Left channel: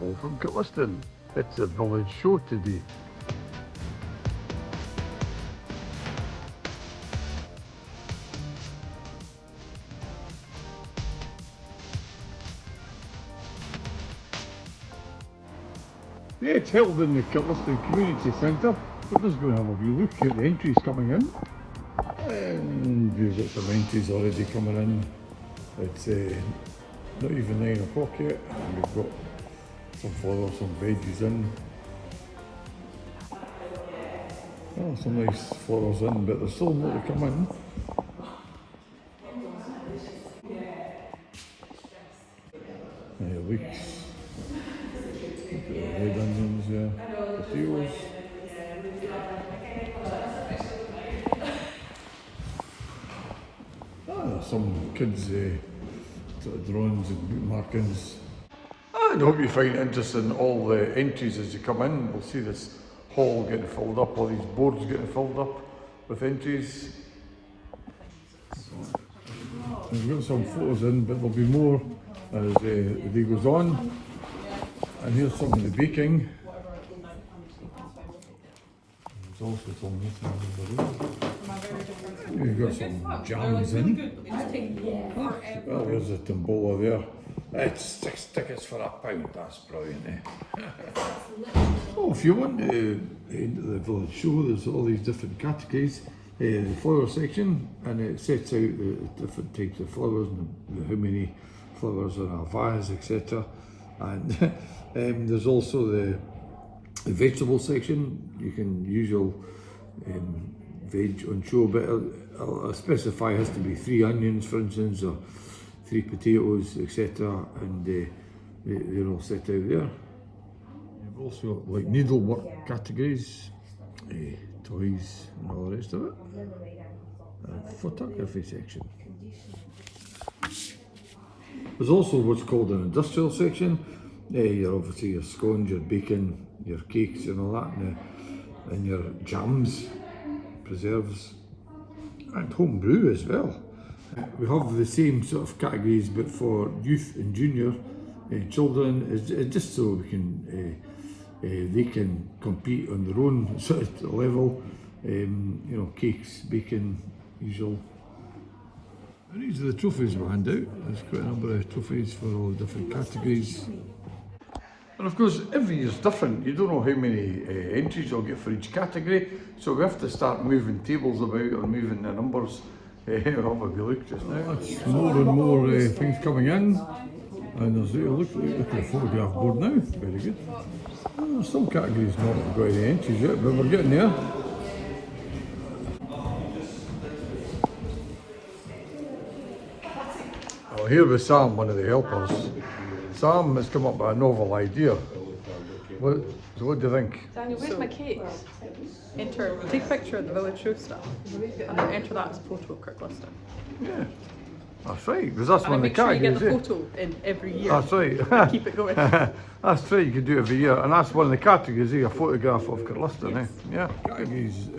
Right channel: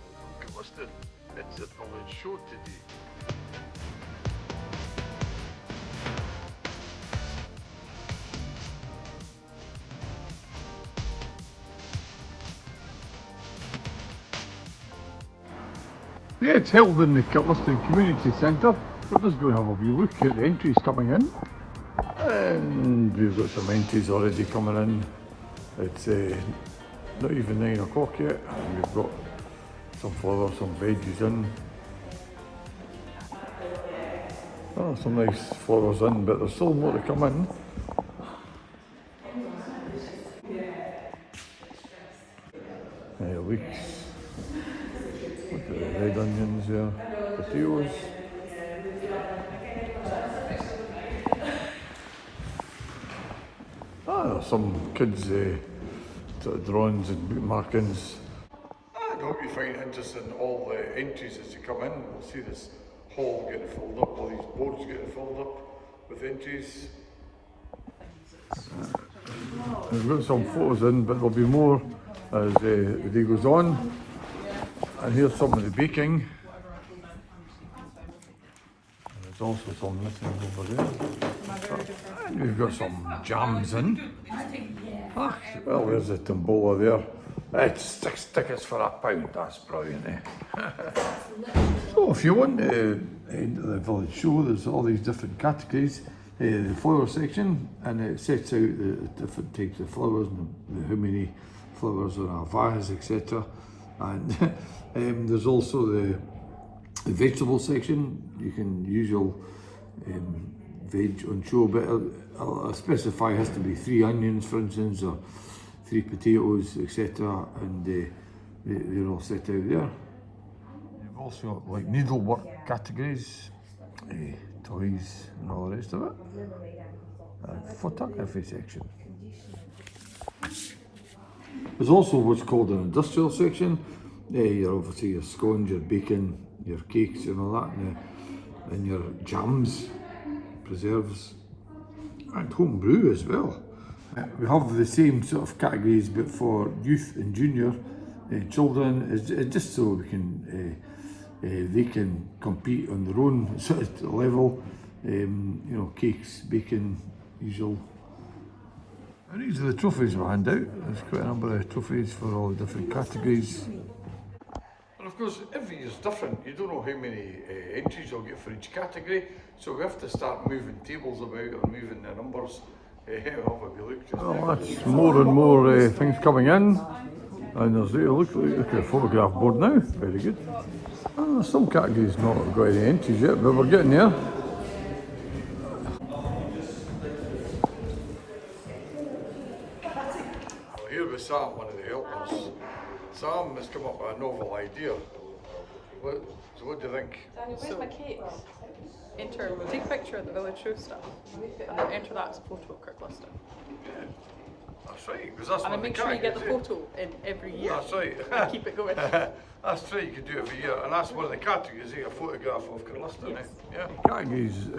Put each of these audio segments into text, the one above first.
Hello from Kirkliston. It's a village show today. Yeah, it's held in the Kirkliston Community Centre. We're just going to have a wee look at the entries coming in. And we've got some entries already coming in. It's not even 9 o'clock yet. And we've got some flowers, some veggies in. Oh, some nice flowers in, but there's still more to come in. Leeks. Look at the red onions there. Potatoes. There's some kids' sort of drawings and bookmarkings. And I hope you find it interesting, all the entries as you come in. We'll see this hall getting filled up, all these boards getting filled up with entries. We've got some photos in, but there'll be more as the day goes on. And here's some of the baking. There's also some missing over there. And we've got some jams in. Well, there's the tombola there. It's 6 tickets for £1. That's brilliant, eh? So if you want to enter the village show, there's all these different categories. The flower section, and it sets out the different types of flowers and how many flowers are in a vase, etc. And there's also the vegetable section. You can use your veg on show, but I'll specify it has to be 3 onions, for instance, or 3 potatoes, etc. And they're all set out there. You've also got like needlework categories, toys and all the rest of it. Photography section. There's also what's called an industrial section. You're obviously your scones, your bacon, your cakes and all that, and your jams, preserves, and home brew as well. We have the same sort of categories but for youth and junior children, it's just so we can they can compete on their own sort of level. You know, cakes, bacon, usual. And these are the trophies we hand out. There's quite a number of trophies for all the different categories. And of course, every year's different. You don't know how many entries you'll get for each category, so we have to start moving tables about or moving the numbers. We'll have a wee look just now. That's more and more things coming in. And there's look at the photograph board now. Very good. Some categories not got any entries yet, but we're getting there. Well, here with Sam, one of the helpers. Sam has come up with a novel idea. What do you think? Daniel, where's my cakes? Take a picture of the village show stuff and then enter that as a photo of Kirkliston. Yeah, that's right, because that's one of the make sure you categories. get the photo in every year. That's right. And keep it going. That's right, you can do it every year, and that's one of the categories, a photograph of Kirkliston. Yes. Yeah, categories,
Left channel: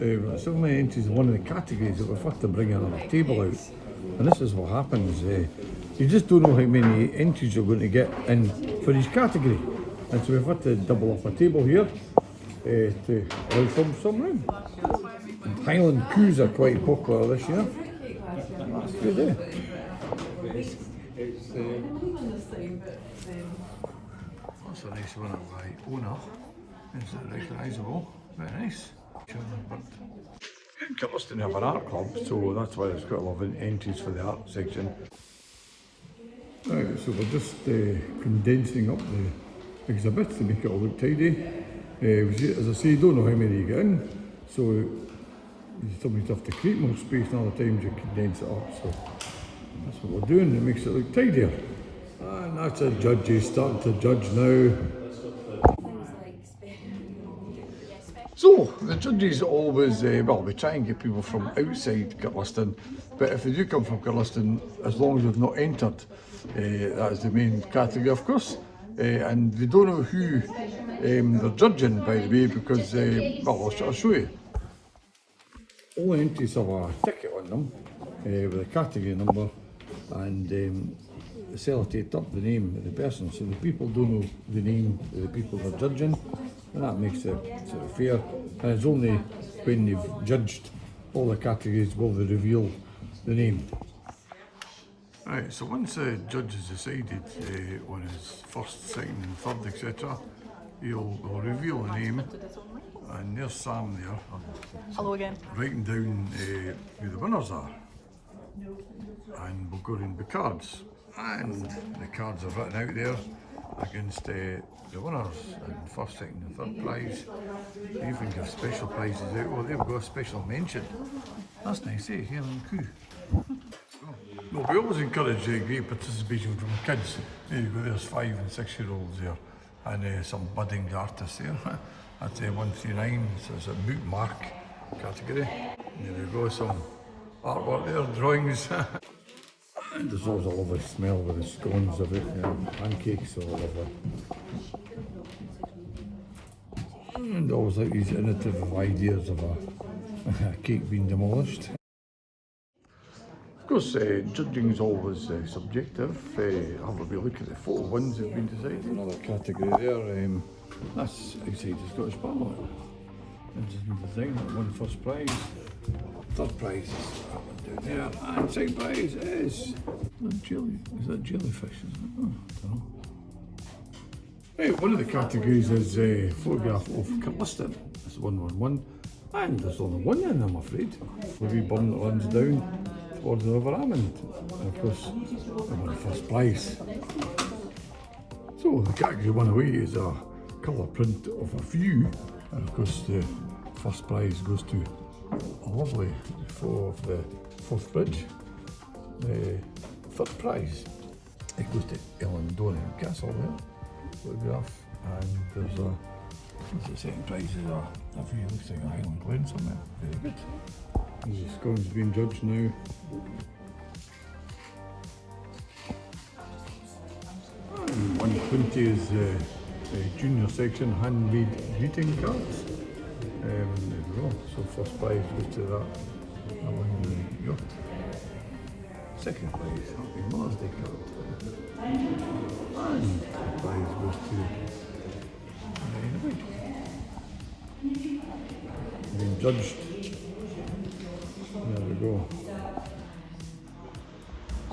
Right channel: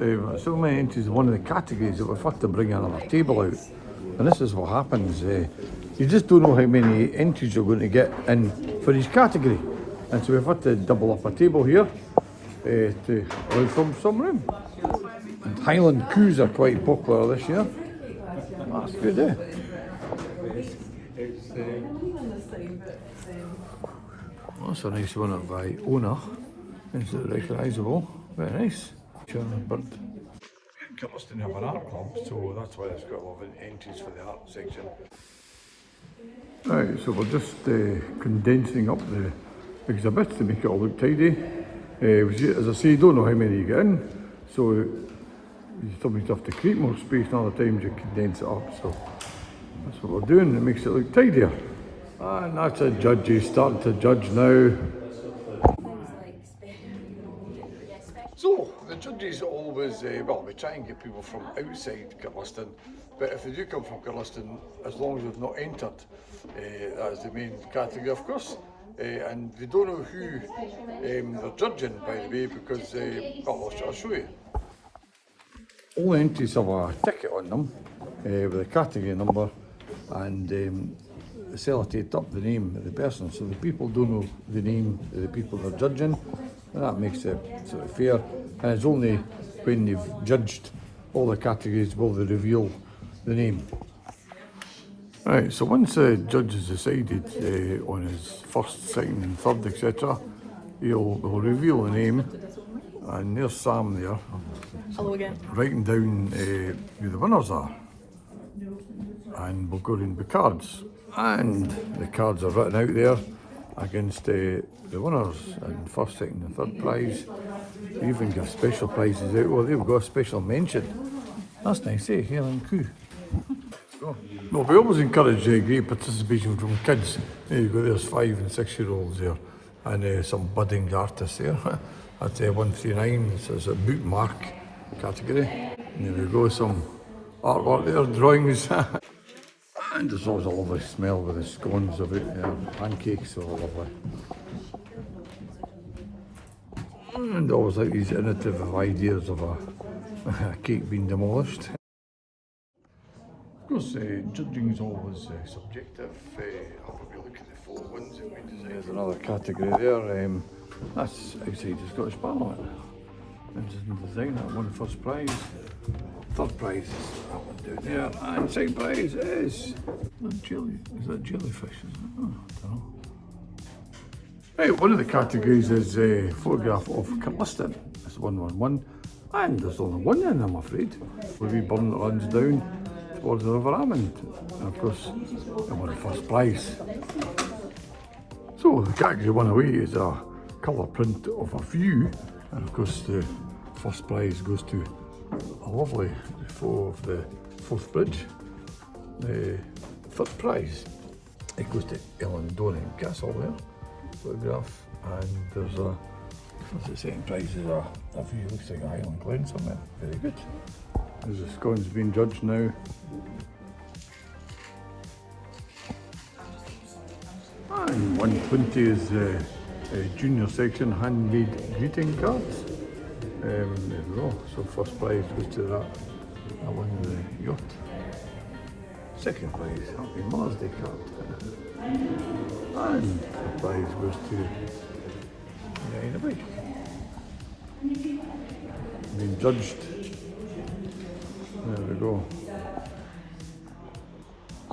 so many entries in one of the categories that we've had to bring another table out. And this is what happens, you just don't know how many entries you're going to get in for each category. And so we've had to double up a table here to leave some room. And Highland coups are quite popular this year. That's good, eh? That's a nice one by owner. It's recognisable. Very nice. Bird. Kirkliston have an art club, so that's why there's quite a lot of entries for the art section. Right, so we're just condensing up the exhibits to make it all look tidy. As I say, you don't know how many you get in, so you sometimes have to create more space, and other times you condense it up. So that's what we're doing, it makes it look tidier. And that's the judges starting to judge now. So, the judges always, we try and get people from outside Kirkliston, but if they do come from Kirkliston, as long as they've not entered, that is the main category, of course. And they don't know who they're judging, by the way, because, I'll show you. All the entries have a ticket on them with a category number, and sellotape up the name of the person, so the people don't know the name of the people they're judging, and that makes it sort of fair. And it's only when they've judged all the categories will they reveal the name. Right, so once the judge has decided on his first, second and third, etc., he'll reveal the name, and there's Sam there. Hello again. Writing down who the winners are. And we'll go around the cards. And the cards are written out there against the winners and first, second and third prize. They even give special prizes out. Well, they've got a special mention. That's nice, eh? Hair and Coo. Well, we always encourage great participation from kids. You've got there's 5 and 6 year olds there, and some budding artists there. That's 139, so it's a bookmark category. And there we go, some artwork there, drawings. And there's always a lovely smell with the scones of it, pancakes are lovely. And always like these innovative ideas of a cake being demolished. Of course, judging is always subjective. Have a wee look at the 4 ones that have been decided. Another category there, that's outside the Scottish Parliament. Interesting design, that won the first prize. Third prize is that one down there, and second prize is that jellyfish? Is it? Oh, I don't know. Right, one of the categories is a photograph of Kirkliston. It's 111, and there's only one in, I'm afraid. The wee burn that runs down towards the River Amond, and of course, I won the first prize. So the category one away is a colour print of a view, and of course the first prize goes to a lovely photo of the Forth Bridge. The third prize, it goes to Ellen Donnan Castle there, photograph, and there's what's the second prize is a view, looks like a Highland Glen somewhere, very good. There's the scones being judged now. And 120 is the junior section handmade greeting cards. There we go, so first prize goes to that won the yacht. Second prize, Happy Mother's Day card. And the prize goes to the bike. Being judged. There we go.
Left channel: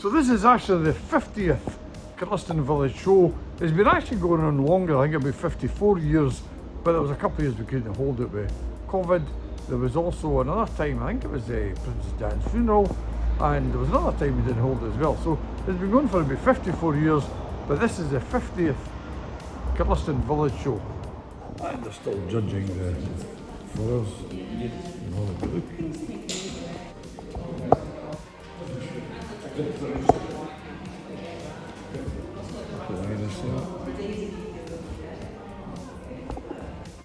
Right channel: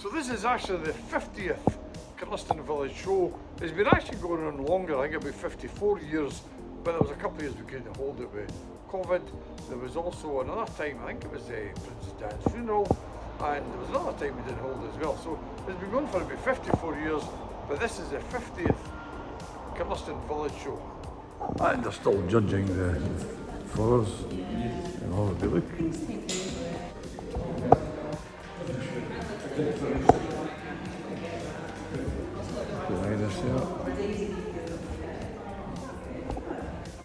So this is actually the 50th Kirkliston Village Show. It's been actually going on longer, I think about 54 years, but there was a couple of years we couldn't hold it with COVID. There was also another time, I think it was Princess Diana's funeral, and there was another time we didn't hold it as well. So it's been going for about 54 years, but this is the 50th Kirkliston Village Show. And they're still judging the flowers. And all of the look.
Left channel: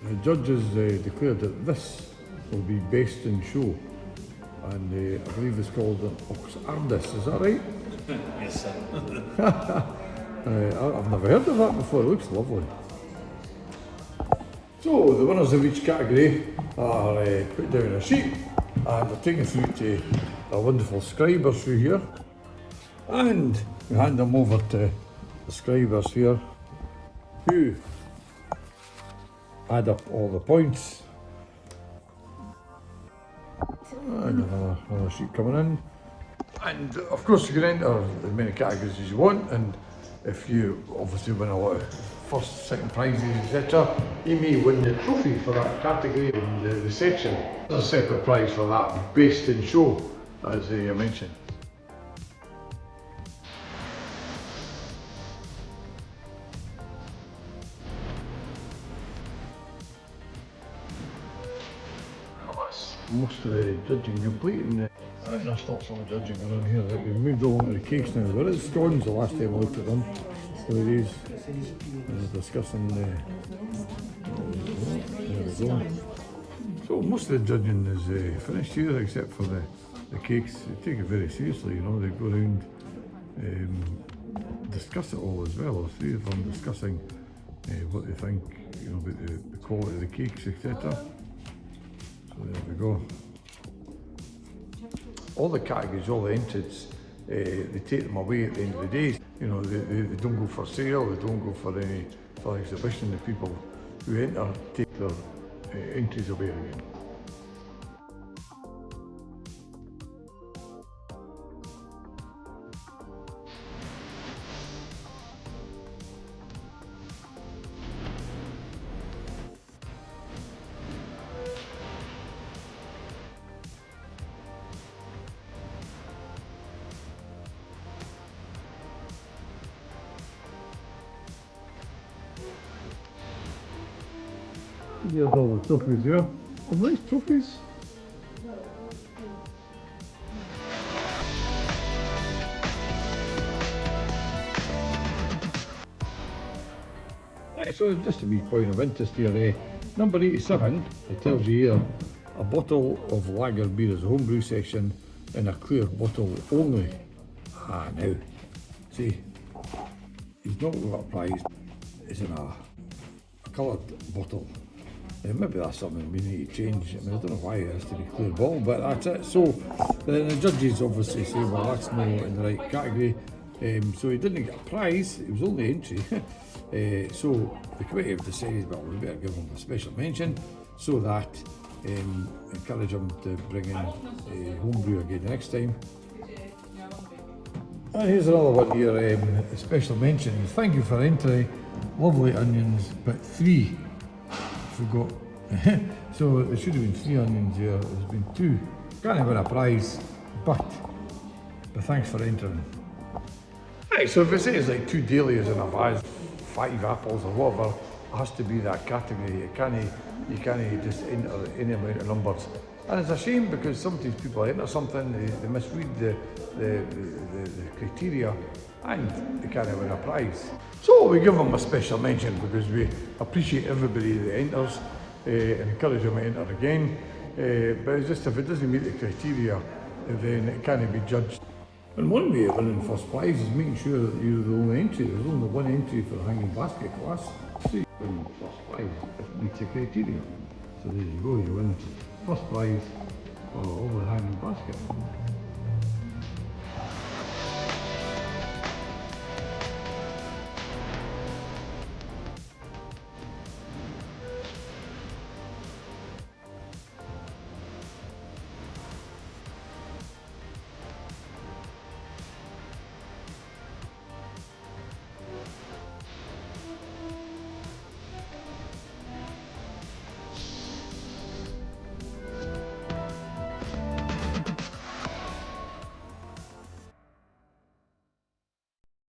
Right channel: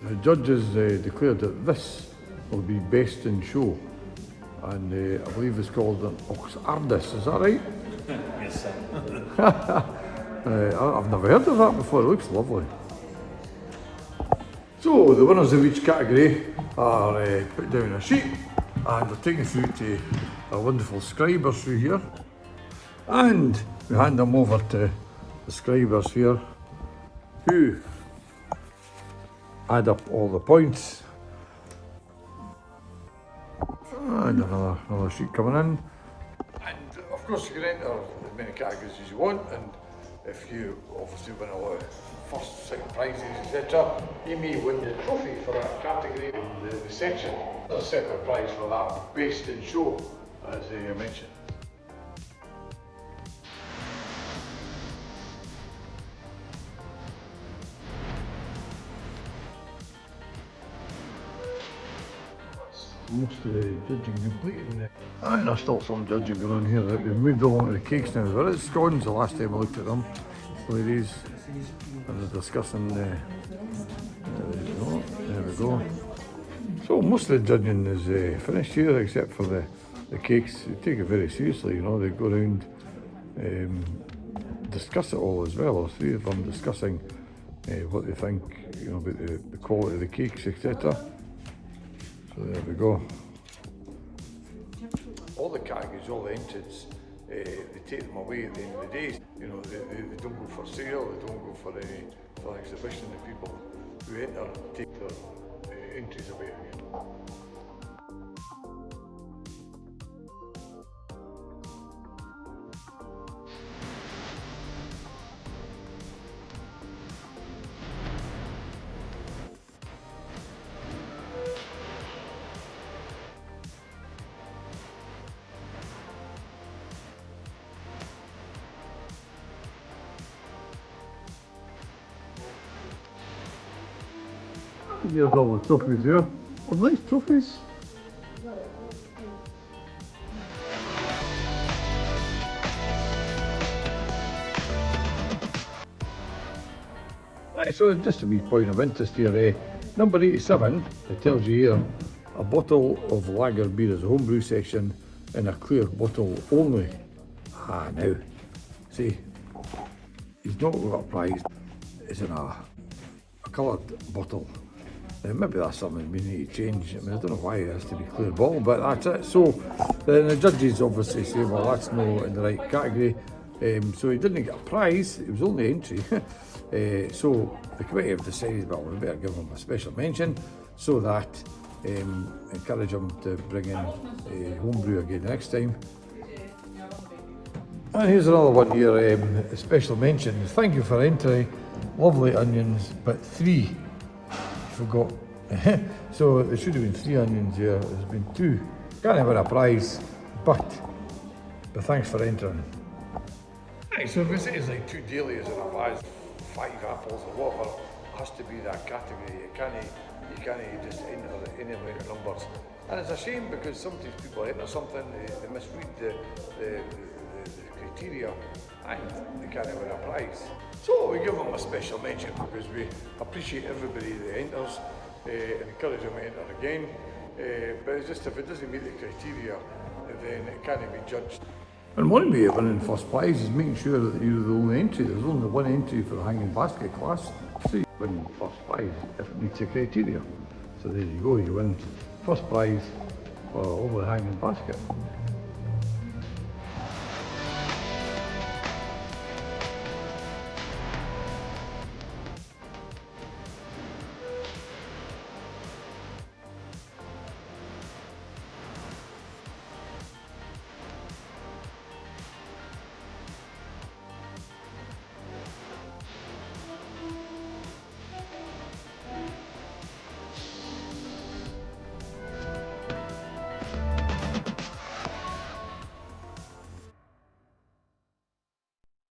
The judges declared that this will be best in show, and I believe it's called an Ox Ardis, is that right? Yes, sir. I've never heard of that before, it looks lovely. So the winners of each category are put down a sheet, and they're taken through to a wonderful scriber through here, and we hand them over to the scribers here, who add up all the points. And another sheet coming in. And of course you can enter as many categories as you want, and if you obviously win a lot of first, second prizes, etc., you may win the trophy for that category in the section. There's a separate prize for that, based in show, as I mentioned. Most of the judging complete, and there's still some judging going on here. That we've moved along to the cakes now. There is scones the last time I looked at them. One of these, I was discussing there we go. So most of the judging is finished here, except for the cakes. They take it very seriously, you know. They go around, discuss it all as well. There's 3 of them discussing what they think, you know, about the quality of the cakes, etc. So there we go. All the categories, all the entrants they take them away at the end of the day. You know, they don't go for sale, they don't go for exhibition. The people who enter take their entries away again. Here's all the trophies here. Oh, nice trophies. Right, so just a wee point of interest here, number 87, it tells you here, a bottle of lager beer is a homebrew section in a clear bottle only. Ah, now, see, he's not got a prize, it's in a coloured bottle. Maybe that's something we need to change. I mean, I don't know why it has to be clear bottle, but that's it. So then the judges obviously say, well, that's not in the right category. So he didn't get a prize, it was only entry. So the committee have decided, well, we better give him a special mention so that encourage him to bring in homebrew again next time. And here's another one here, a special mention. Thank you for entry. Lovely onions, but 3. Forgot. So there should have been 3 onions here. There's been 2. Can't win a prize, but thanks for entering. Right, so if it says like 2 dahlias in a vase, 5 apples or whatever, it has to be that category. You can't just enter any amount of numbers. And it's a shame because sometimes people enter something, they misread the criteria and they can't win a prize. So we give them a special mention because we appreciate everybody that enters and encourage them to enter again. But it's just if it doesn't meet the criteria, then it can't be judged. And one way of winning first prize is making sure that you're the only entry. There's only one entry for the hanging basket class. So you win first prize if it meets the criteria. So there you go, you win first prize for over the hanging basket.